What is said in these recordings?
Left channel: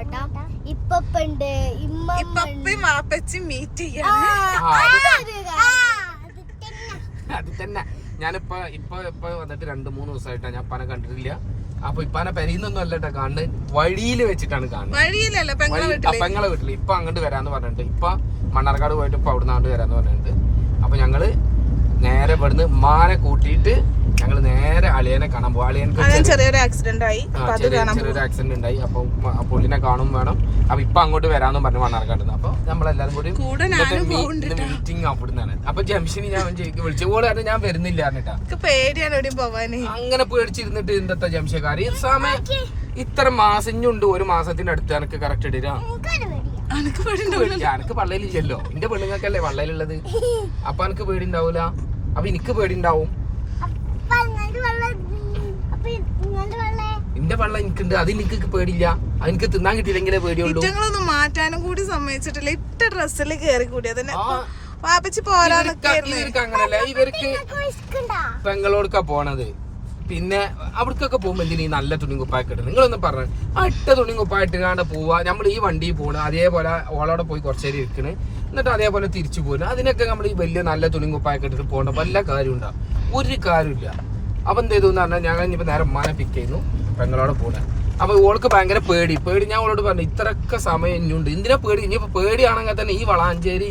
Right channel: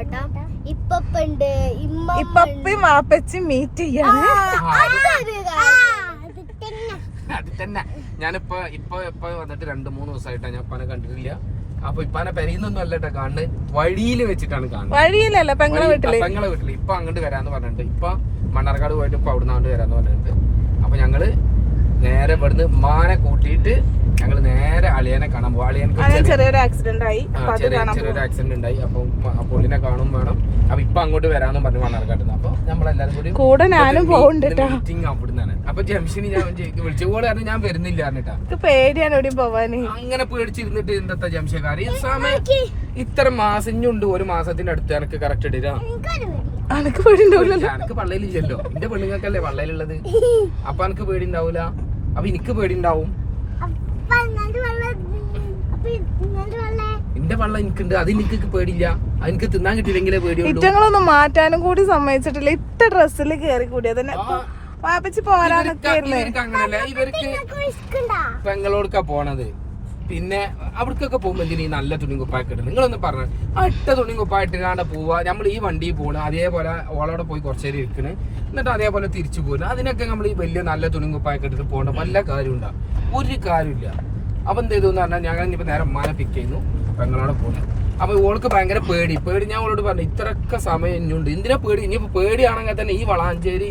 പോവാട്ടാ ഇപ്പപ്പുണ്ട് ഇമ്മ ഇപ്പപ്പി മാപ്പച്ചി മീറ്റ് അത് തന്നെ. ഞാനിപ്പോ ഇപ്പൊ ഇപ്പൊ വന്നിട്ട് രണ്ട് മൂന്ന് ദിവസമായിട്ടാ ഞാൻ ഇപ്പാനെ കണ്ടിട്ടില്ല. അപ്പൊ ഇപ്പാനെ പെരീന്നൊന്നും അല്ലട്ടെ കാണുന്നത്. വഴിയിൽ വെച്ചിട്ടാണ് കാണുന്നത്. വഴിയിലല്ല പെങ്ങളെ വീട്ടിൽ? പെങ്ങളെ വീട്ടിൽ. ഇപ്പൊ അങ്ങോട്ട് വരാന്ന് പറഞ്ഞിട്ടുണ്ട്. ഇപ്പൊ മണ്ണാർക്കാട് പോയിട്ട് ഇപ്പൊ അവിടുന്ന് അങ്ങോട്ട് വരാന്ന് പറഞ്ഞിട്ടുണ്ട്. അപ്പൊ ഞങ്ങൾ നേരെ ഇവിടുന്ന് ഉമ്മാനെ കൂട്ടിയിട്ട് ഞങ്ങൾ നേരെ അളിയനെ കാണാൻ പോകും അളിയനക്ക് ചെറിയൊരു ആക്സിഡന്റ് ആയി. ചെറിയൊരു ആക്സിഡന്റ് ഉണ്ടായി അപ്പൊ പുള്ളിനെ കാണും വേണം. അപ്പൊ ഇപ്പൊ അങ്ങോട്ട് വരാന്നും പറഞ്ഞു മണ്ണാർക്കാട് അപ്പൊ നമ്മളെല്ലാരും കൂടി കൂടെ ഞാനും മീറ്റിംഗ് അവിടുന്നാണ്. അപ്പൊ ജംഷനി ഞാൻ വിളിച്ചു പോലെ ഞാൻ വരുന്നില്ല എനിക്ക് പേടിയാണ് എവിടെയും പോവാന്. അങ്ങനെ പേടിച്ചിരുന്നിട്ട് എന്താ ജംഷക്കാർ ഈ സമയം ഇത്ര മാസഞ്ഞുണ്ട്. ഒരു മാസത്തിന്റെ അടുത്ത് എനിക്ക് കറക്റ്റ് ഇടാ അനക്ക് പേടിണ്ടാവില്ല എനിക്ക് പള്ളയിലില്ലല്ലോ. എന്റെ പെണ്ണുങ്ങൾക്കല്ലേ പള്ളയിലുള്ളത്? അപ്പൊ എനിക്ക് പേടി ഉണ്ടാവൂല അപ്പൊ എനിക്ക് പേടി ഉണ്ടാവും എന്റെ പള്ള എനിക്കുണ്ട്. അത് എനിക്ക് പേടില്ല അത് എനിക്ക് തിന്നാൻ കിട്ടിയില്ലെങ്കിലേ പേടിയുള്ളൂ. കുറ്റങ്ങളൊന്നും മാറ്റാനും കൂടി സമ്മതിച്ചിട്ടില്ല. ഇട്ട ഡ്രസ്സിൽ കേറി കൂടി അതന്നെ. വാപ്പച്ചി അങ്ങനല്ല. ഇവർക്ക് പെങ്ങളോടുക്കാ പോണത്. പിന്നെ അവിടേക്കൊക്കെ പോകുമ്പോൾ എന്തിനാ ഈ നല്ല തുണി കുപ്പായൊക്കെ ഇടുന്നത് നിങ്ങളൊന്ന് പറഞ്ഞു. അട്ട തുണി കുപ്പായിട്ട് പോവുക പോവാ. നമ്മൾ ഈ വണ്ടിയിൽ പോണ്. അതേപോലെ ഓളോടെ പോയി കുറച്ച് നേരം ഇരിക്കണേ. എന്നിട്ട് അതേപോലെ തിരിച്ചു പോകുന്നു അതിനൊക്കെ നമ്മൾ ഈ വലിയ നല്ല തുണി കുപ്പായൊക്കെ എടുത്ത് പോകേണ്ട. വല്ല കാര്യം ഉണ്ടാവും ഒരു കാര്യമില്ല. അപ്പൊ എന്ത് ചെയ്തു എന്ന് പറഞ്ഞാൽ ഞങ്ങൾ ഇനിയിപ്പോൾ നേരെ ഉമ്മാനെ പിക്ക് ചെയ്യുന്നു. പെങ്ങളോടെ പോകണം അപ്പോൾ ഓൾക്ക് ഭയങ്കര പേടി. പേടി ഞാൻ അവളോട് പറഞ്ഞു ഇത്രയൊക്കെ സമയം ഇനിയുണ്ട്. എന്തിനാ പേടി? ഇനിയിപ്പോൾ പേടിയാണെങ്കിൽ തന്നെ ഈ വളാഞ്ചേരി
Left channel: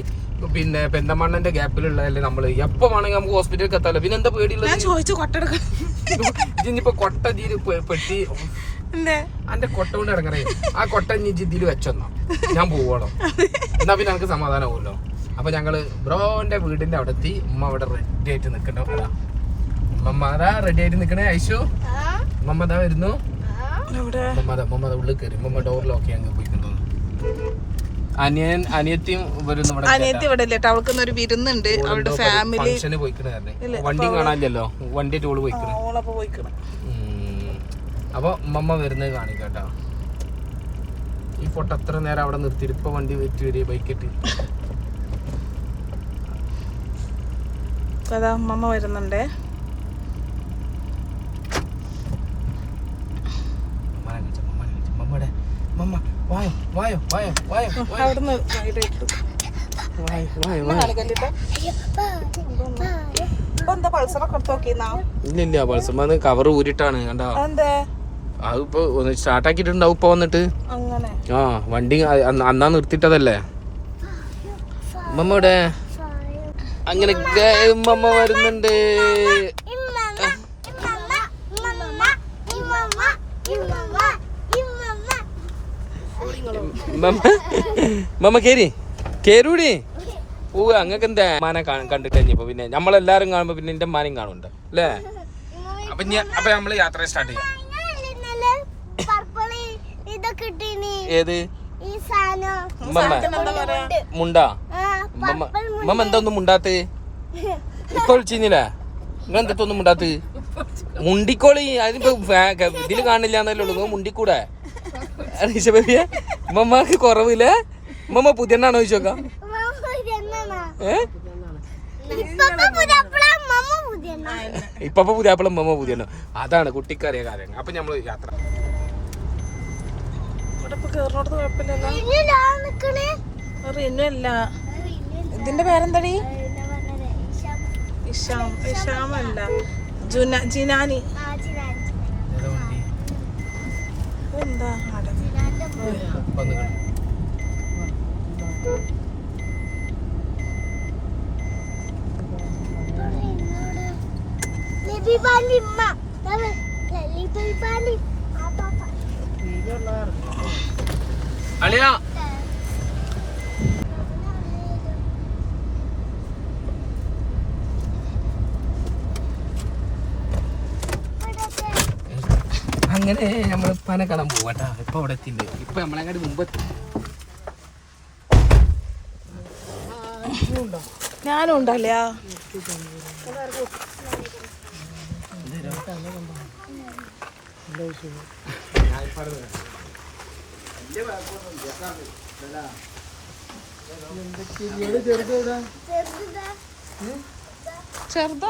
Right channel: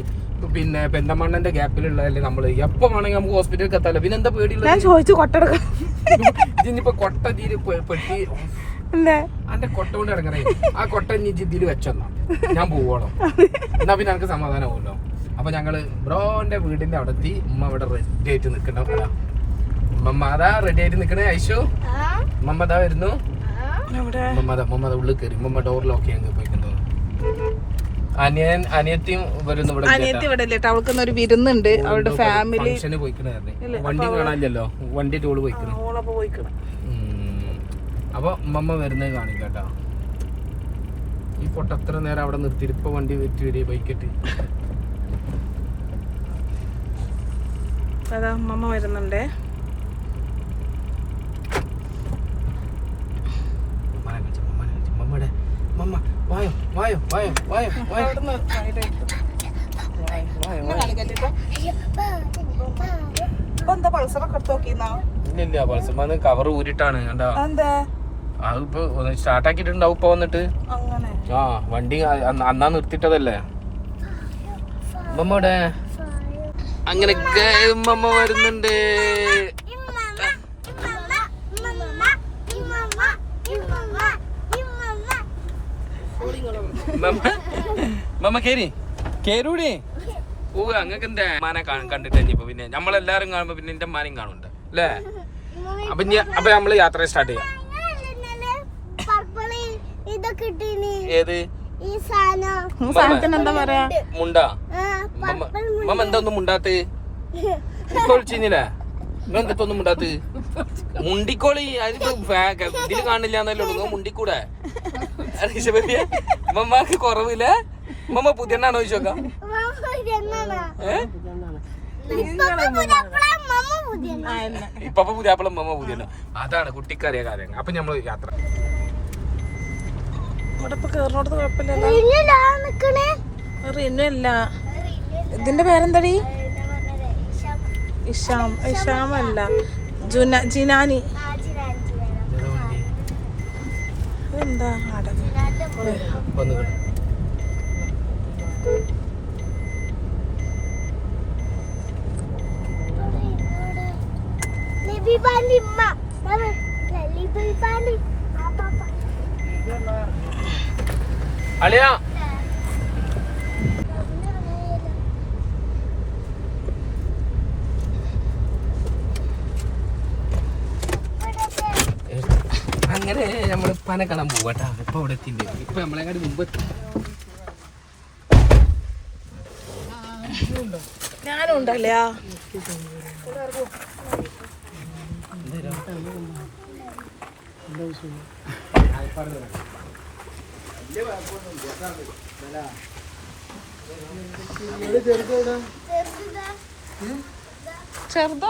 പിന്നെ പെന്തമണ്ണന്റെ ഗ്യാപ്പിലുള്ളതല്ലേ നമ്മൾ എപ്പോ വേണമെങ്കിൽ നമുക്ക് ഹോസ്പിറ്റലിൽ എത്താലോ. പിന്നെ എന്താ പേടിയുള്ളത്? ഞാൻ ചോദിച്ചു കൊട്ടെടുക്ക. ഇനിയിപ്പോ കൊട്ട ജീര് പെട്ടി. അന്റെ കൊട്ട കൊണ്ട് ഇറങ്ങണേ ആ കൊട്ട ഇനി ജിദ്ദിയിൽ വെച്ചെന്നാ. ഞാൻ പോവണം? എന്നാ പിന്നെ ഞങ്ങൾക്ക് സമാധാനമാവുമല്ലോ അപ്പൊ ഞങ്ങൾ ബ്രോന്റെ വീടിന്റെ അവിടെ എത്തി ഉമ്മ അവിടെ റെഡി ആയിട്ട് നിക്കണ? ഉമ്മ അതാ റെഡി ആയിട്ട് നിക്കണേ ഐശു. ഉമ്മ അതാ വരുന്നു. ഉമ്മ അതാ ഉള്ളിൽ കയറി ഉമ്മ ഡോറിലൊക്കെ അങ്ങ് പോയിക്കൊണ്ടോ അനിയൻ അനിയത്തിയും വരുന്നു ഇവിടെ അനിയത്തി ഇവിടെ ഇല്ല? അവൾക്ക് ഒരു വിരുന്നുണ്ട്. അവളുടെ ഫാമിലി വണ്ടി കാണാനില്ലല്ലോ. വണ്ടി ടോൾ പോയിക്കണ. ഓളപ്പൊ പോയിക്കണം. അപ്പൊ ഉമ്മമ്മ വരുന്നത് കാണിക്കട്ടോ. ഈ പൊട്ട അത്ര നേരം അവിടെ നിർത്തിയിട്ട് ഇപ്പൊ വണ്ടി വെറ്റി വരിക ബൈക്കിട്ട് അതാ അമ്മമ്മ വരുന്നുണ്ടേ. വായോ വായോ വായോ വായോ വായോ. വായോ വായോ വായോ, വായോ. കാണിക്കല്ലേ ഇപ്പൊ? ഇപ്പൊ എന്താ പൾസറൊക്കെ എടുത്ത് നോക്കിന്നാ ഇല്ല ഇല്ല പൾസമാന്ന് കവർ ഊരിട്ടാണ് കണ്ടോ? എന്തേ അതിപ്പോ ഒന്ന് സ്റ്റാർട്ടാക്കിയിട്ടുണ്ടാവും ഇപ്പൊ വന്നിട്ട്. അങ്ങനെ. ആ വണ്ടി അന്ന് നിർത്തിട്ടതല്ലേ മമ്മയുടെ അങ്ങനെ മമ്മ വരുന്നുണ്ട്. മമ്മ കേരി കേരൂടി ഓ അങ്ങക്ക് എന്താ മാനെ കണ്ടിട്ട് കഴിഞ്ഞപ്പോ പിന്നെ നമ്മളെല്ലാരും കാണുമ്പോ പിന്നെ എന്റെ മാനും കാണുന്നുണ്ട് അല്ലേ അപ്പൊ അപ്പൊ നമ്മൾ യാത്ര സ്റ്റാർട്ട് ചെയ്യാം. ഏത്? മുണ്ടാ. മമ്മ എന്താ മുണ്ടാത്തേ? മുണ്ടാത്ത്? മുണ്ടിക്കോളി. അതിപ്പോ ഇതിൽ കാണില്ല എന്നല്ലേ ഉള്ളൂ. നിങ്ങൾ മുണ്ടിക്കൂടെ? ബേബിയെ. മമ്മക്ക് കുറവില്ല? മമ്മ പുതിയണ്ണാണോ ചോദിച്ചോക്കാം? ഇപ്പൊ പുതിയാപ്പിളും മമ്മ പുതിയ അതാണ് കുട്ടിക്കറിയ കാര്യങ്ങൾ. അപ്പൊ നമ്മൾ യാത്ര. ഇതിന്റെ പേരെന്താടി? ഇഷാം. ഇഷാമല്ല അല്ല. ജിനാനി. ആ, ഉമ്മ. ദാ ലലിപാലി. ആ, പാപ്പ. അളിയാ അങ്ങനെ നമ്മൾ പന കാണാൻ പോവാട്ടാ ഇപ്പൊ അവിടെ എത്തിണ്ട് ഇപ്പൊ നമ്മളെക്കാട് മുമ്പ് എത്തി. ഞാനും ഉണ്ടല്ലേ ചെറുതാ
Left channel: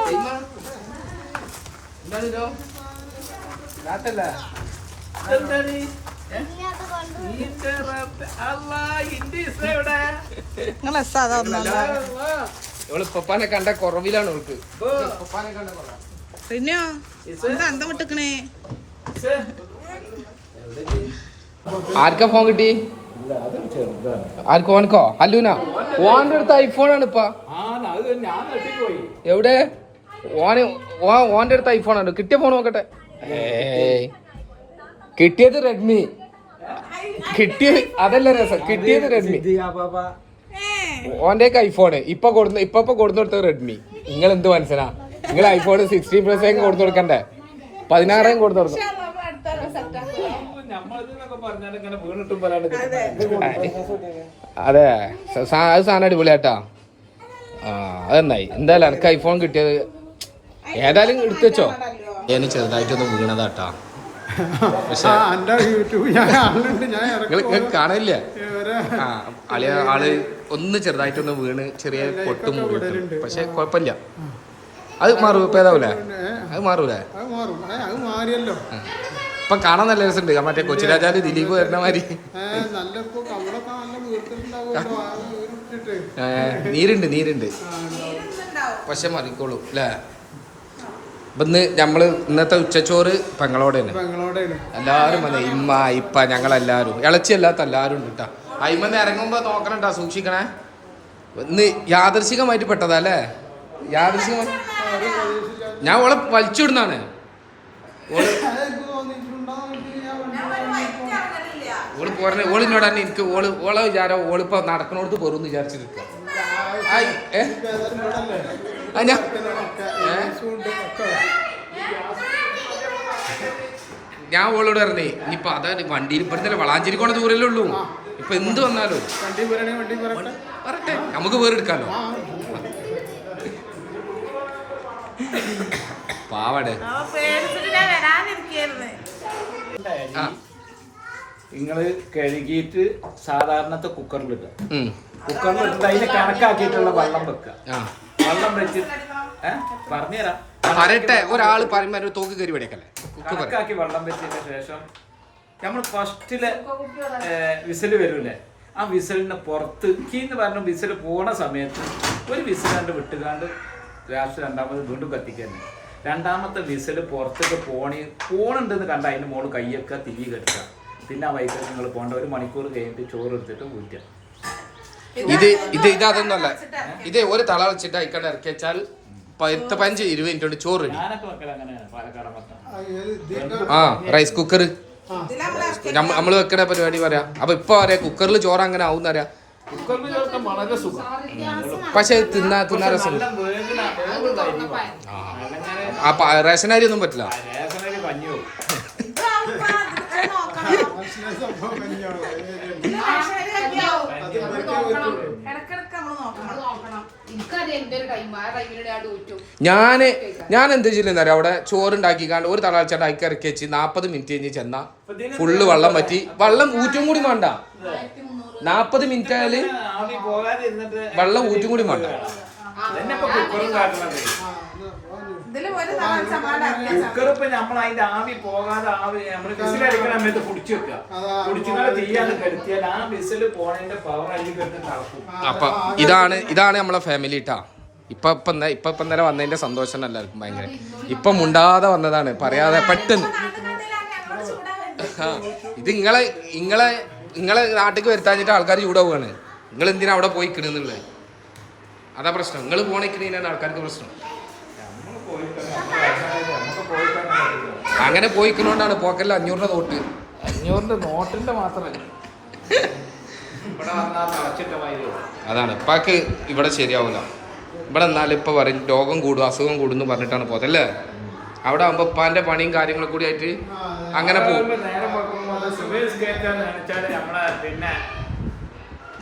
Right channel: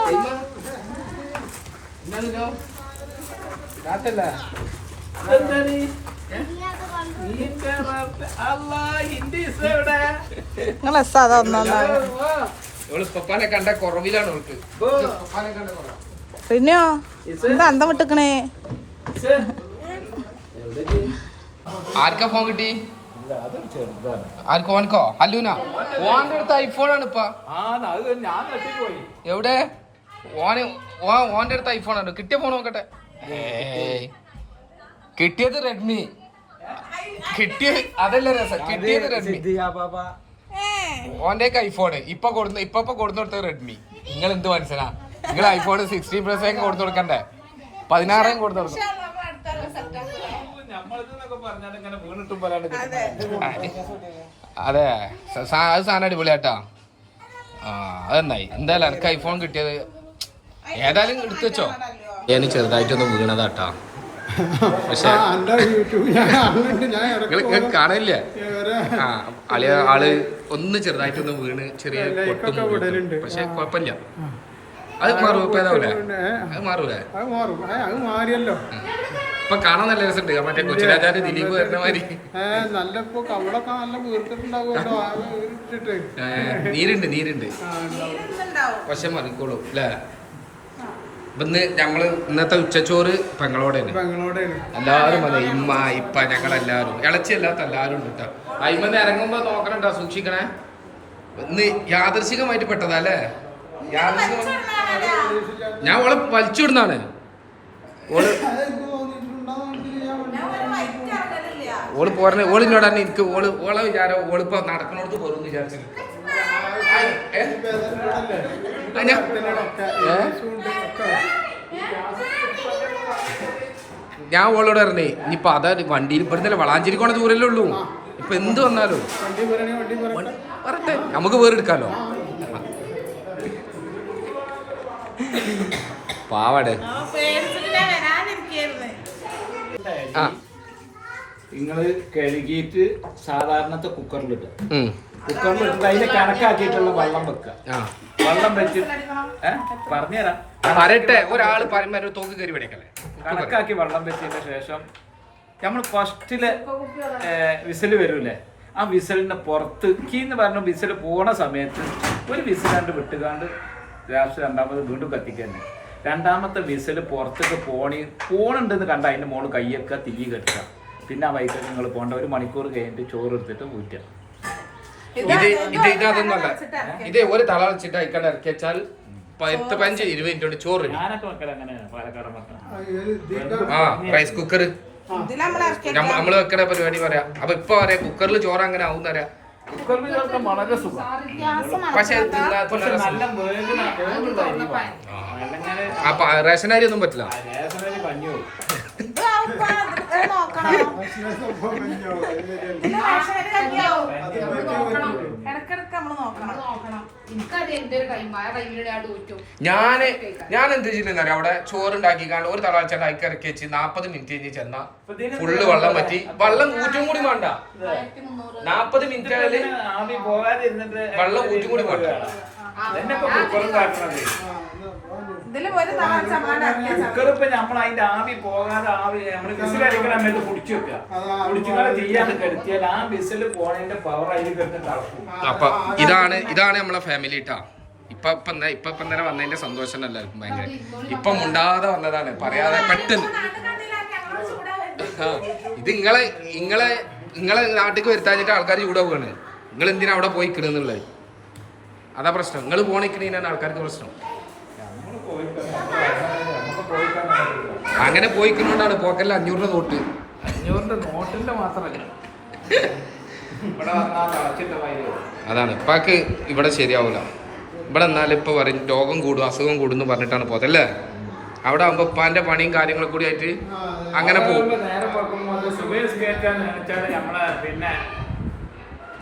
എന്താണിതോ? കാട്ടല്ലേ? ഇങ്ങോട്ട് കൊണ്ട് പപ്പാനെ കുറവിലാണ് ഓൾക്ക് പപ്പാനെ കണ്ട കുറവ് പിന്നെയോ? എന്താ അന്തം വിട്ടിക്കണേ? ആർക്കാ ഫോൺ കിട്ടി? ആർക്കോ ഓനക്കോ അല്ലൂന? ഓന്റെ അടുത്ത് ഐഫോൺ ആണ് ഇപ്പൊ. എവിടെ? ഓന് ഓ- ഓന്റെ അടുത്ത് ഐഫോൺ ആണ്. കിട്ടിയ ഫോൺ നോക്കട്ടെ. കിട്ടിയത് റെഡ്മി കിട്ടിയ അതല്ല രസം. കിട്ടിയത് റെഡ്മി ഓന്റെ ഐഫോണ് ഇപ്പൊ കൊടുന്ന ഇപ്പൊ ഇപ്പൊ കൊടുത്തു കൊടുത്തത് റെഡ്മി നിങ്ങൾ എന്ത് മനസ്സിലാ? നിങ്ങൾ ഐഫോൺ സിക്സ്റ്റീൻ പ്ലസ് കൊടുത്തു കൊടുക്കണ്ടേ? പതിനാറായി കൊടുത്തു കൊടുക്കും. അതെ. അത്. സാധനം അടിപൊളിയാട്ടാ. ആ അതെന്നായി എന്തായാലും എനിക്ക് ഐഫോൺ കിട്ടിയത് ഏതായാലും എടുത്തു വെച്ചോ? ഞാൻ ചെറുതായിട്ടൊന്ന് വീണതാട്ടാ. കാണില്ല ആൾ ഒന്ന് ചെറുതായിട്ടൊന്ന് വീണ് ചെറിയ പൊട്ടും. പക്ഷെ കുഴപ്പമില്ല. അത് മാറും ഇപ്പൊ ഏതാവൂലേ? അത് മാറൂലേ? അത് മാറും. അത് മാറിയല്ലോ. ഇപ്പൊ കാണാൻ നല്ല രസമുണ്ട്. മറ്റേ കൊച്ചിരാജാൽ ദിലീപ് വരുന്ന മാതിരി. നല്ല ഇപ്പൊ കവളൊക്കെ നല്ല വീർത്തിട്ടുണ്ടാവുമല്ലോ. നീരുണ്ട് നീരുണ്ട്. പക്ഷെ മതിക്കോളൂ അല്ലേ? ഇന്ന് നമ്മൾ ഇന്നത്തെ ഉച്ചച്ചോറ് പെങ്ങളോടെയാണ്. എല്ലാരും അതെ ഇമ്മ ഇപ്പ ഞങ്ങളെല്ലാരും ഇളച്ചി അല്ലാത്ത എല്ലാരും ഉണ്ട് കേട്ടാ അയിമന്ന് ഇറങ്ങുമ്പോ നോക്കണട്ടാ സൂക്ഷിക്കണേ? ഇന്ന് യാദർശികമായിട്ട് പെട്ടതാ അല്ലേ? യാദർശികം ഞാൻ ഓളെ വലിച്ചുവിടുന്നാണ് ഓൾ ഓൾ പോരണ ഓളിനോട് തന്നെ എനിക്ക് ഓൾ ഓളെ വിചാരം ഓളിപ്പോ നടക്കണോടത്ത് പോരും വിചാരിച്ചിരിക്കും? ഞാൻ- ഓളോട് പറഞ്ഞേ ഇനിയിപ്പൊ അതാ വണ്ടിയിൽ ഇവിടുന്നല്ലേ വളാഞ്ചേരിക്കോണ ദൂരല്ലേ ഉള്ളൂ. ഇപ്പൊ എന്ത് വന്നാലും. പറട്ടെ നമുക്ക് വേറെടുക്കാലോ. പാവാടെ. നിങ്ങൾ കഴുകിയിട്ട് സാധാരണത്തെ കുക്കറിലിട്ട് കുക്കറിൽ കുക്കറിലിട്ടിട്ട് അതിന്റെ കണക്കാക്കിയിട്ടുള്ള വെള്ളം വെക്കുക. ആ. വെള്ളം വെച്ച് ഏ? പറഞ്ഞുതരാം. പറയട്ടെ ഒരാൾ തോക്ക് കയറി പഠിക്കല്ലേ കണക്കാക്കി വെള്ളം വെച്ചതിന് ശേഷം നമ്മൾ ഫസ്റ്റിൽ വിസിൽ വരൂലേ? ആ വിസിലിന് പുറത്ത് കീന്ന് പറഞ്ഞ വിസിൽ പോണ സമയത്ത് ഒരു വിസിൽ കണ്ട് വിട്ടുകാണ്ട് ലാസ്റ്റ് രണ്ടാമത് വീണ്ടും കത്തിക്കുന്നത് രണ്ടാമത്തെ വിസിൽ പുറത്തേക്ക് പോണി പോണുണ്ടെന്ന് കണ്ട അതിന്റെ മോൾ കയ്യൊക്കെ തീ കെട്ടുക. പിന്നെ ആ വൈകിട്ട് നിങ്ങൾ പോകേണ്ട ഒരു മണിക്കൂർ കഴിഞ്ഞിട്ട് ചോറ് എടുത്തിട്ട് ഊറ്റുക ഇത് ഇത് ഇത് അതൊന്നുമല്ല ഇത് ഒരു തള വെച്ചിട്ട് അയക്കാണ്ട് ഇറക്കി വെച്ചാൽ പത്ത് പഞ്ച് ഇരുപത് മിനിറ്റ് കൊണ്ട് ചോറ് ആ, ഏത് ആ റൈസ് കുക്കർ നമ്മൾ വെക്കണ പരിപാടി പറയാ. അപ്പൊ ഇപ്പൊ പറയാ കുക്കറിൽ ചോറ് അങ്ങനെ ആവും കുക്കറിൽ ചേർക്കാൻ വളരെ സുഖം. പക്ഷെ തിന്നാ തിന്നാ രസം. ആ. പ- റേഷൻ അരി ഒന്നും പറ്റില്ല. റേഷനരി കഞ്ഞി നമ്മൾ നോക്കണം. എനിക്കത് എന്റെ ഒരു കൈമ ആ കൈമിലൂടെ ആ തോറ്റു ഞാൻ ഞാൻ എന്ത് ചെയ്യുന്ന അവിടെ ചോറുണ്ടാക്കിക്കാണ്ട് ഒരു തളാഴ്ച അയക്കി ഇറക്കി വെച്ച് നാപ്പത് മിനിറ്റ് കഴിഞ്ഞ് ചെന്ന. ഫുള്ള് വെള്ളം പറ്റി വെള്ളം ഊറ്റും കൂടി വേണ്ട. നാപ്പത് മിനിറ്റ് ആയാൽ ആവി വെള്ളം ഊറ്റും കൂടി വേണ്ട. ഇതന്നെ ഇപ്പൊ കുക്കറും കാട്ടുന്നത് ഇറക്കിയ നമ്മൾ അതിന്റെ ആവി പോകാതെ ആവി നമ്മൾ വിസിലടിക്കണ സമയത്ത് പൊടിച്ചു വെക്കുക കുടിച്ചുകൊണ്ട് ചെയ്യാന്ന് കരുത്തിയാൽ ആ വിസിൽ പോണതിന്റെ പവർ അതിൽ കിടന്ന് തളക്കും. അപ്പൊ ഇതാണ് ഇതാണ് നമ്മളെ ഫാമിലി ഇട്ടാ ഇപ്പൊ ഇപ്പൊ ഇപ്പൊ ഇപ്പൊ നേരെ വന്നതിന്റെ സന്തോഷം എല്ലാവർക്കും ഭയങ്കര. ഇപ്പൊ മുണ്ടാതെ വന്നതാണ് പറയാതെ പെട്ടെന്ന്. ഇത് ഇങ്ങളെ ഇങ്ങളെ ഇങ്ങളെ നാട്ടിലേക്ക് വരുത്താഞ്ഞിട്ട് ആൾക്കാർ ചൂടാവുകയാണ് നിങ്ങൾ എന്തിനാ അവിടെ പോയി കിടുന്നുള്ളത് അതാ പ്രശ്നം. നിങ്ങൾ പോണിക്കണീനാണ് ആൾക്കാർക്ക് പ്രശ്നം. അങ്ങനെ പോയിക്കുന്നോണ്ടാണ് പോക്കല്ല അഞ്ഞൂറിന്റെ നോട്ട്. അഞ്ഞൂറിന്റെ നോട്ടിന്റെ മാത്രമല്ല. അതാണ്. ഇപ്പാക്ക് ഇവിടെ ശരിയാവൂല. ഇവിടെ എന്നാലും ഇപ്പൊ പറയും രോഗം കൂടും അസുഖം കൂടും എന്ന് പറഞ്ഞിട്ടാണ് അല്ലേ? അവിടെ ആകുമ്പോ ഉപ്പാന്റെ പണിയും കാര്യങ്ങളും കൂടി ആയിട്ട് അങ്ങനെ പോകും.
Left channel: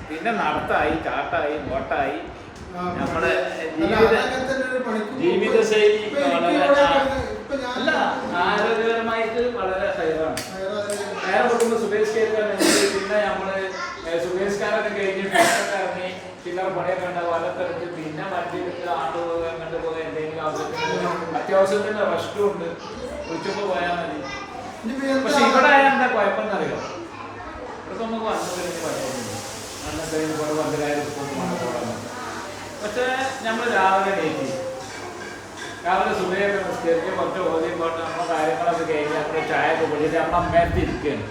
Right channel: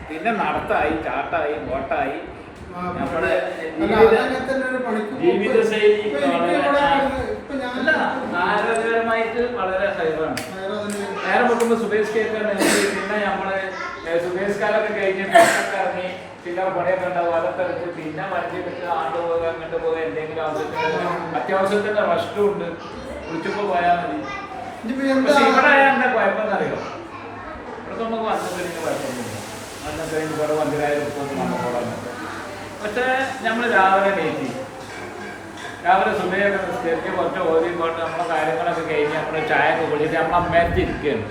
പിന്നെ നടത്തായി ചാട്ടായി ഓട്ടായി നമ്മുടെ ജീവിതശൈലി അല്ല ആരോഗ്യപരമായിട്ട് വളരെ ഹൈറാണ് നേരെ വെക്കുമ്പോൾ സുബേഷ് കേൾക്കാൻ പിന്നെ നമ്മൾ കാലൊക്കെ കഴിഞ്ഞ് ഇറങ്ങി ചില്ലറ പണിയൊക്കെ ഉണ്ടാവും. എടുത്ത് പിന്നെ മറ്റെടുത്ത് ആണ്ട് പോകുക അങ്ങോട്ട് പോകുക എന്തെങ്കിലും ആവശ്യത്തിന് അത്യാവശ്യത്തിന് റഷ്ടും ഉണ്ട്. വിളിച്ചപ്പോ പോയാൽ മതി. പക്ഷെ ഇവിടെ എന്താ എന്താ കുഴപ്പമെന്നറിയോ? ഇവിടെ നമുക്ക് വന്നിട്ടുണ്ടെങ്കിൽ കുഴപ്പമൊന്നുമില്ല. വന്നിട്ടുണ്ടെങ്കിൽ ഇവിടെ വണ്ടിയിലായാലും ഉൾക്കൊണ്ട് വന്ന പോടാന്നുണ്ട് പക്ഷേ നമ്മൾ രാവിലെ കയറ്റി രാവിലെ സുബയൊക്കെ നിസ്കരിച്ച് കുറച്ച് ഓതി പോയിട്ട് നമ്മളെ കാര്യങ്ങളൊക്കെ കഴിഞ്ഞ് നമ്മുടെ ചായ ഒക്കെ കുടിച്ചിട്ട് നമ്മൾ അമ്മയത്തി ഇരിക്കുകയാണ്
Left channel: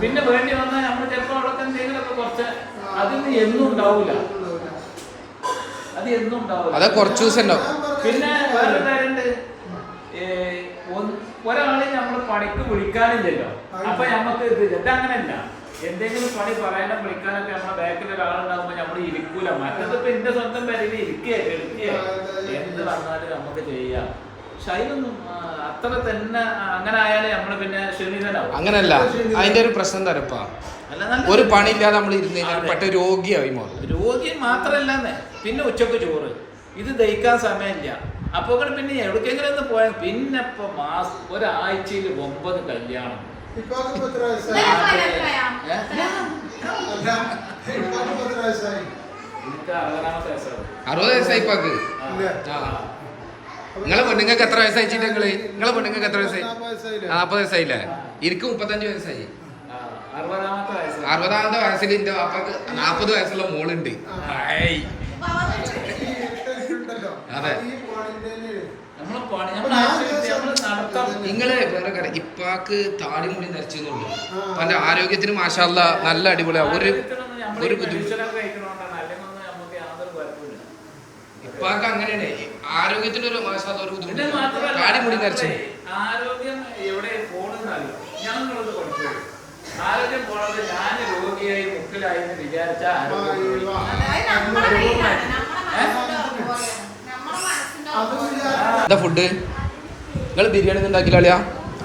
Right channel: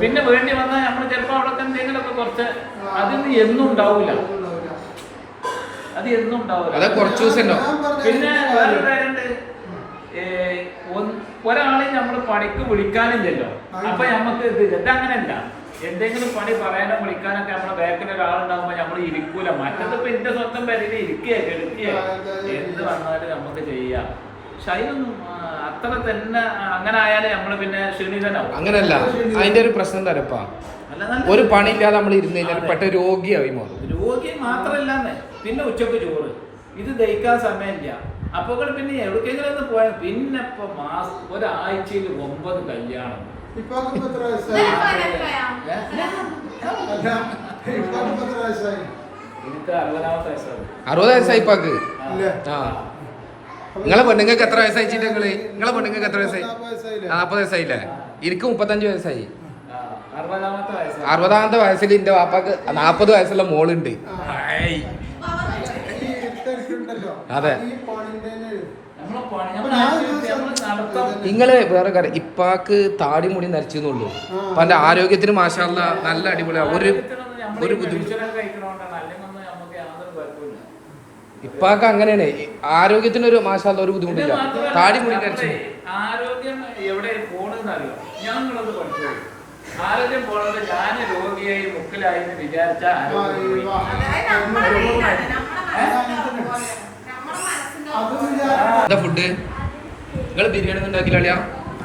പിന്നെ വേണ്ടി വന്നാൽ നമ്മൾ ചിലപ്പോൾ അവിടെ എന്തെങ്കിലുമൊക്കെ കുറച്ച് അതിന് എന്നും ഉണ്ടാവില്ല അത് എന്നും ഉണ്ടാവില്ല അതെ കുറച്ച് ദിവസം ഉണ്ടാവും. പിന്നെ ഒരാളെ നമ്മൾ പണിക്ക് വിളിക്കാനില്ലല്ലോ. അപ്പൊ നമുക്ക് ഇത് ഇത് അങ്ങനെയല്ല. എന്തെങ്കിലും പണി പറയാനോ വിളിക്കാനൊക്കെ നമ്മുടെ ബാക്കിൽ ഒരാളുണ്ടാകുമ്പോൾ നമ്മൾ ഇരിക്കൂല. മറ്റത് ഇപ്പൊ എന്റെ സ്വന്തം പേരിൽ ഇരിക്കുക എടുക്കുക എന്ത് വന്നാലും നമുക്ക് ചെയ്യാം. പക്ഷെ അതിനൊന്നും അത്ര തന്നെ അങ്ങനെ ആയാലും നമ്മൾ പിന്നെ ക്ഷണിതനാവും. അങ്ങനല്ല. അതിന്റെ ഒരു പ്രശ്നം തരപ്പാ ഒരു പണിയില്ലാതെ നമ്മൾ ഇരുന്ന് കഴിഞ്ഞാൽ പെട്ട രോഗിയായി മാറും. രോഗി മാത്രല്ല പിന്നെ ഉച്ചയ്ക്ക് ചോറ്. ഇത് ദഹിക്കാൻ സമയമില്ല. അപ്പൊ പിന്നെ എവിടേക്കെങ്കിലും ഒന്ന് പോയാൽ പിന്നെ ഇപ്പൊ മാസം ഒരാഴ്ചയിൽ ഒമ്പത് കല്യാണം. ഏ? എനിക്ക് അറുപതാമത്തെ വയസ്സാണ്. അറുപത് വയസ്സായി ഇപ്പാക്ക്? നിങ്ങളെ പെണ്ണുങ്ങൾക്ക് എത്ര വയസ്സായി ചിട്ടങ്ങൾ നിങ്ങളെ? പെണ്ണുങ്ങൾക്ക് എത്ര വയസ്സായി? നാപ്പത് വയസ്സായില്ലേ? എനിക്ക് മുപ്പത്തഞ്ച് വയസ്സായി. അറുപതാമത്തെ വയസ്സിൽ എന്റെ വാപ്പാക്ക് നാപ്പത് വയസ്സുള്ള മോളുണ്ട്. അതെ നമ്മളെ പണി നമ്മളെ activity, നമ്മൾ നടത്തം നിങ്ങൾ വേറെ കാര്യം ഇപ്പാക്ക് താടി മുടി നരച്ചെന്നുള്ളൂ അപ്പൊ എന്റെ ആരോഗ്യത്തിന് മാഷാല്ല നല്ല അടിപൊളിയാ. ഒരു ഒരു ബുദ്ധിമുട്ട് ഇപ്പാക്ക് അങ്ങനെയാണ്. ആരോഗ്യത്തിന് ഒരു മാഷാല്ല ഒരു ബുദ്ധിമുട്ടില്ല. താടി മുടി നരച്ചു. ആരോഗ്യം എവിടെ പോണെന്ന് അറിയോ ഞാൻ നിങ്ങളത് ആരോഗ്യം പോണത് ഞാൻ രോഗിയായി മുക്കിലായി എന്ന് വിചാരിച്ച ആരോഗ്യം പോയി. എന്താ ഫുഡ്? നിങ്ങൾ ബിരിയാണി ഉണ്ടാക്കില്ല അളിയാ?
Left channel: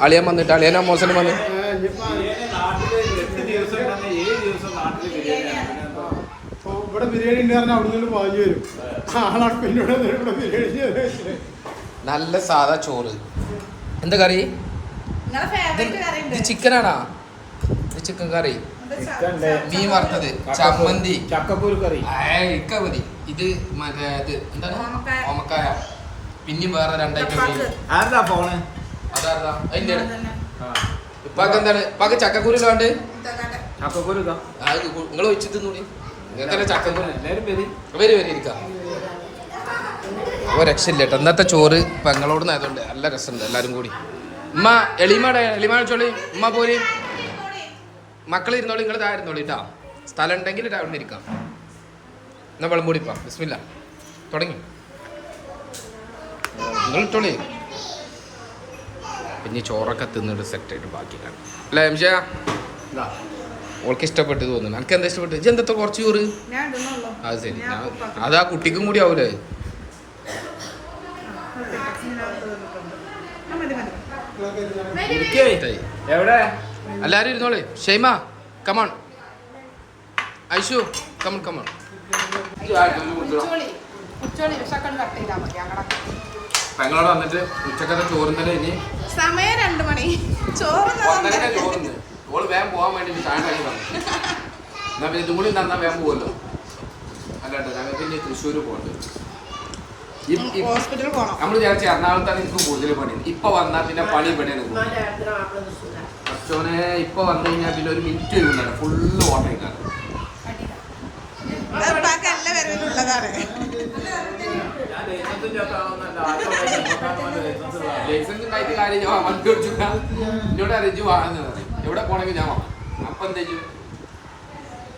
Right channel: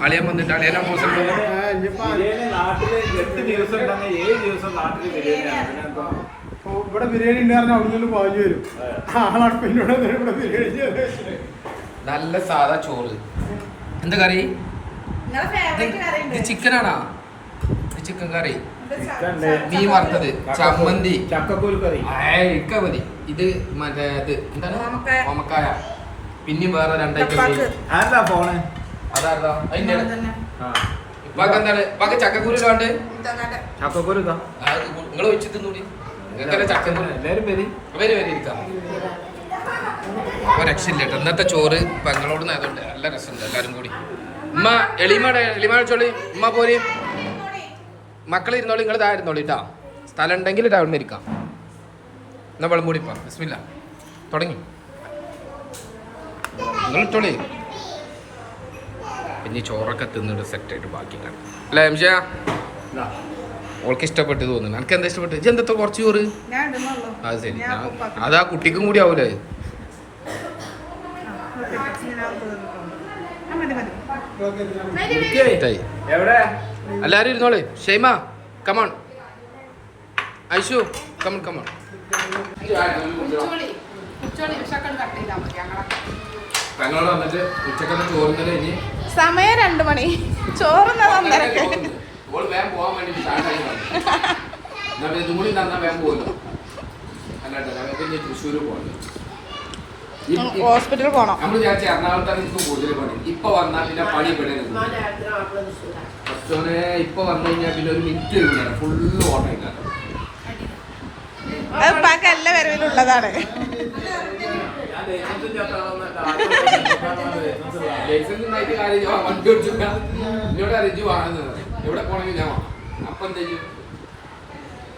അളിയൻ വന്നിട്ട് അളിയൻ മോശം വന്ന്? ഇവിടെ ബിരിയാണി ഉണ്ടായിരുന്ന അവിടെ നിന്ന് പാൽ വരും ഇവിടെ ബിരിയാണി നല്ല സാധാ ചോറ് എന്താ കറി. ചിക്കനാണാ ചിക്കൻ കറി നീ മീൻ വറുത്തത് ചമ്മന്തി. ചക്കക്കുരു കറി. ഇക്ക മതി. ഇത് മറ്റേ ഇത് എന്താണ്? ഓമക്കായ. പിന്നെയും വേറെ രണ്ടായിട്ട് ഫോണ് അതിന്റെ എന്താണ്? ചക്കക്കുരു ചക്കക്കുരു ഇതാ നിങ്ങൾ വെച്ചിട്ട് രക്ഷയില്ല കേട്ടോ. ഇന്നത്തെ ചോറ് പങ്ങളോട് നേരമുണ്ട് നല്ല രസമുണ്ട് എല്ലാരും കൂടി. ഉമ്മ എളിമാടെ എളിമാ ചോളി ഉമ്മ പോരി. മക്കൾ ഇരുന്നോളി നിങ്ങൾ താഴെ ഇരുന്നോളി കേട്ടോ സ്ഥലം ഉണ്ടെങ്കിൽ രാവിലെ ഇരിക്കാം. എന്നാ വെള്ളം കൂടിപ്പാ ബിസ്മില്ല. തുടങ്ങി. നിങ്ങൾ ഇട്ടോളി. പിന്നെ ചോറൊക്കെ തിന്നിട്ട് സെറ്റായിട്ട് ബാക്കി കാണും. അല്ലേ എംഷ? ഓൾക്ക് ഇഷ്ടപ്പെട്ട് തോന്നുന്നു. എനിക്ക് എന്താ ഇഷ്ടപ്പെട്ടു? ഇജ്ജ് എന്താ കുറച്ച് ചോറ്? അത് ശരി. അത് ആ കുട്ടിക്കും കൂടി ആവൂലേ? എല്ലാരും ഇരുന്നോളെ. Shaima come on Aishu come on come on ഉച്ചോളി. ഉച്ചോളി കട്ട് ചെയ്താൽ മതി അങ്ങനെ പെങ്ങളോട് വന്നിട്ട് ഉച്ചക്കത്തെ ചോറുന്നല്ലേ ഇനി സമയം രണ്ടു മണി. ചോറുന്നത് ഓൾ വേഗം പോകാൻ വേണ്ടി എന്നാ പിന്നെ ഇതും കൂടി തന്നാൽ വേഗം പോകുമല്ലോ അല്ലാണ്ട് ഞങ്ങൾക്ക് ഇനി തൃശ്ശൂർ പോകണം ഹോസ്പിറ്റലിൽ പോണം. നമ്മൾ വിചാരിച്ച എറണാകുളത്താണ് എനിക്ക് കൂടുതൽ പണി. ഇപ്പൊ വന്നാൽ പിന്നെ പണി ഇവിടെ പക്ഷോനെ ഇപ്പൊ വന്നു കഴിഞ്ഞാൽ പിന്നെ ഒരു മിനിറ്റ് ഇരുന്നാണ് ഫുള്ള് ഓർഡർ ചെയ്താണ് അത് ലൈസൻസ് ഉണ്ടായിട്ട് കാര്യം ഞാൻ വണ്ടി ഓടിച്ചില്ല എന്നോട് അറിയിച്ചു വാങ്ങുന്നത് എവിടെ പോണെങ്കിൽ ഞാൻ. അപ്പൊ എന്താ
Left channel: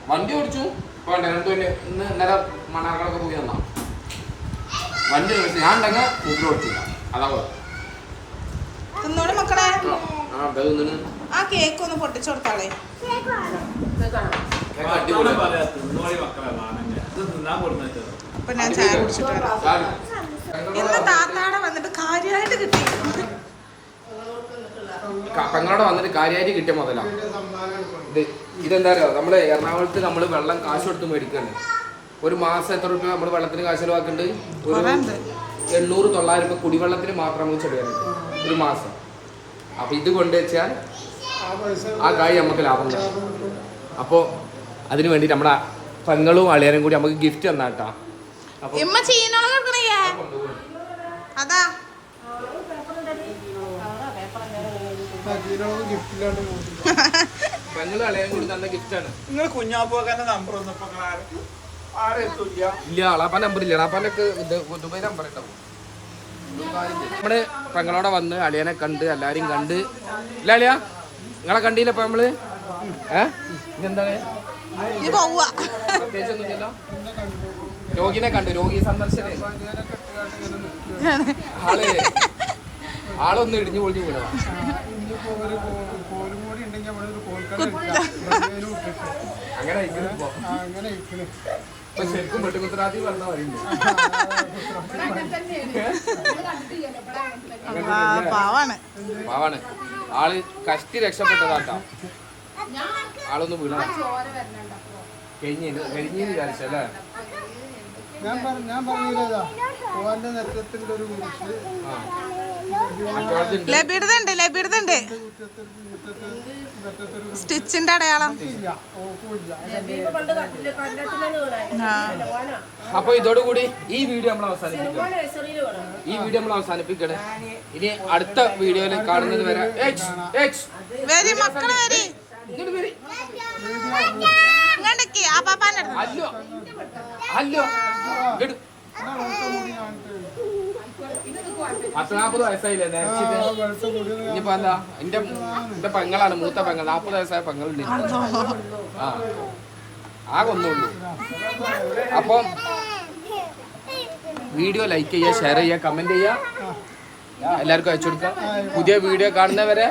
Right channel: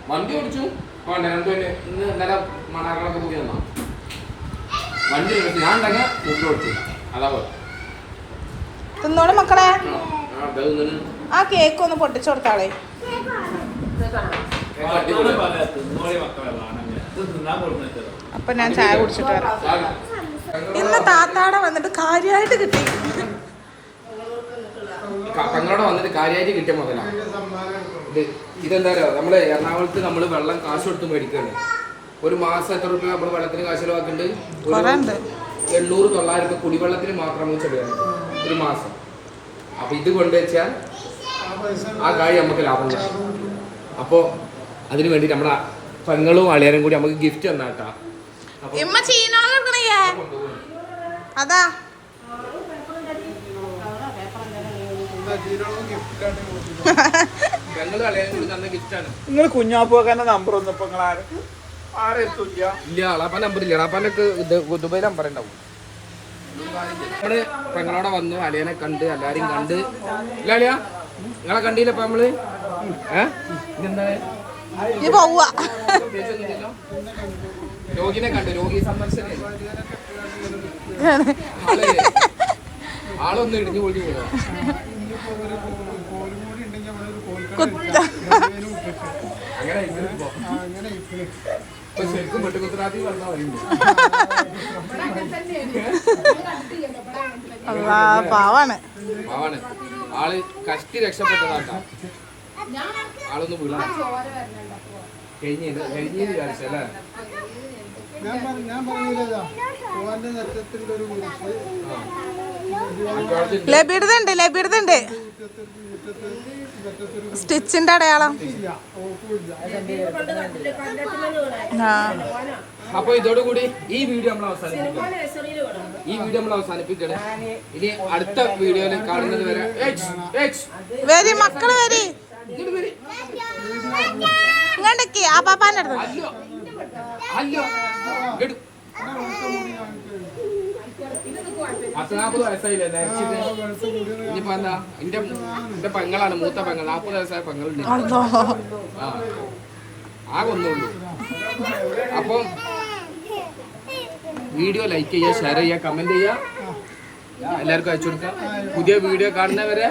വണ്ടി ഓടിച്ചു വേണ്ട രണ്ടു പേര് ഇന്ന് ഇന്നലെ മണാക്കണൊക്കെ പോയി വന്നോ വണ്ടി ഓടിച്ചു ഞാൻ ഉണ്ടെങ്കിൽ ഫുഡ് ഓടിച്ചില്ല അതാ പോലെ തിന്നോളി മക്കളെ ആ കേക്ക് ഒന്ന് പൊട്ടിച്ചു കൊടുത്താളെ വർത്താനം പറയാ, തിന്നോളി മക്കളെ അപ്പൊ ഞാൻ ചായ കുടിച്ചിട്ട് വരാം. ഇന്ന് താത്താടെ വന്നിട്ട് കാര്യമായിട്ട് കിട്ടി. പെങ്ങളോടെ വന്നിട്ട് കാര്യമായിട്ട് കിട്ടിയ മുതലാ. ഇത് ഇതെന്താ അറിയോ? നമ്മൾ എറണാകുളത്ത് നമ്മൾ വെള്ളം കാശ് കൊടുത്ത് മേടിക്കണ്ട് ഒരു മാസം എത്ര രൂപ നമ്മൾ വെള്ളത്തിന് കാശ് ചെലവാക്കുന്നുണ്ട്. ഒരു എണ്ണൂറ് തൊള്ളായിരം രൂപ കുടിവെള്ളത്തിന് മാത്രം നമുക്ക് ചെലവാണ് ഒരു മാസം. അപ്പൊ ഇത് കൊണ്ടുവച്ചാൽ ആ കാര്യം നമുക്ക് ലാഭം കിട്ടും. അപ്പോൾ അതിനു വേണ്ടി നമ്മുടെ പെങ്ങളും അളിയനും കൂടി നമുക്ക് ഗിഫ്റ്റ് തന്നാട്ടാ. അപ്പൊ ഇമ്മ ചീനോൾ അതാ. തന്ന നിങ്ങൾ നമ്പർ നിങ്ങൾ ആരും? ഇല്ല അളാപ്പ നമ്പർ ഇല്ല. അളാപ്പാനൊക്കെ ദുബൈ നമ്പർ ഉണ്ടാവും. നമ്മൾ പെങ്ങളോടെ വന്ന് അളിയനെ കണ്ട് എല്ലാരും കണ്ട്. ഇല്ല അളിയ നിങ്ങളെ കണ്ടില്ല ഇപ്പൊ നമ്മൾ? ഏഹ് ഇതെന്താണ്? നീ പോവുക രോഗിനെ കണ്ടു. രോഗി സന്ദർശനം. ആൾ ആളൊന്ന് ഇടിഞ്ഞു പൊളിഞ്ഞു പോയതാ. കോലും കൂടി ഉണ്ടെങ്കിൽ അവിടെ ഒരു കോൽക്കട അങ്ങനെ ശരിക്കും പറഞ്ഞ പാവാണ്. പാവാണ്. ആൾ കഷ്ടി രക്ഷപ്പെട്ടതാട്ടോ. ആളൊന്ന് വീണ കഴിഞ്ഞ കഴിഞ്ഞ വിചാരിച്ചല്ലേ? ഞാൻ ഞാൻ പറഞ്ഞില്ലതാ ഓന്റെ നെറ്റത്തിന്റെ ഒരു കുറിച്ച് മറ്റോടത്ത് ലബിടുന്നുണ്ട് ലബിടുന്നുണ്ട് സ്റ്റിച്ചിന്റെ അടയാളം. അപ്പൊ ഇതോടുകൂടി ഈ വീഡിയോ നമ്മൾ അവസാനിപ്പിക്കണം ഈ വീഡിയോ നമ്മൾ അവസാനിപ്പിക്കണം ഇനി അടുത്ത വീഡിയോയിൽ കാണുന്നത് വരെ. വരി മക്കൾ വരി. ഇങ്ങോട്ടേക്ക് ആ പാപ്പാന്റെ അടുത്ത് വയസ്സായില്ലേ? ഇനിയിപ്പോ എന്താ? എന്റെ എന്റെ പെങ്ങളാണ് മൂത്ത പെങ്ങൾ നാപ്പത് വയസ്സായ പെങ്ങളുണ്ട്. ആ. ആകെ ഒന്നുള്ളൂ. അപ്പം വീഡിയോ ലൈക്ക് ചെയ്യുക ഷെയർ ചെയ്യുക കമന്റ് ചെയ്യുക. എല്ലാവർക്കും അയച്ചു കൊടുക്കാം. പുതിയ വീഡിയോ കാണുന്നവരെ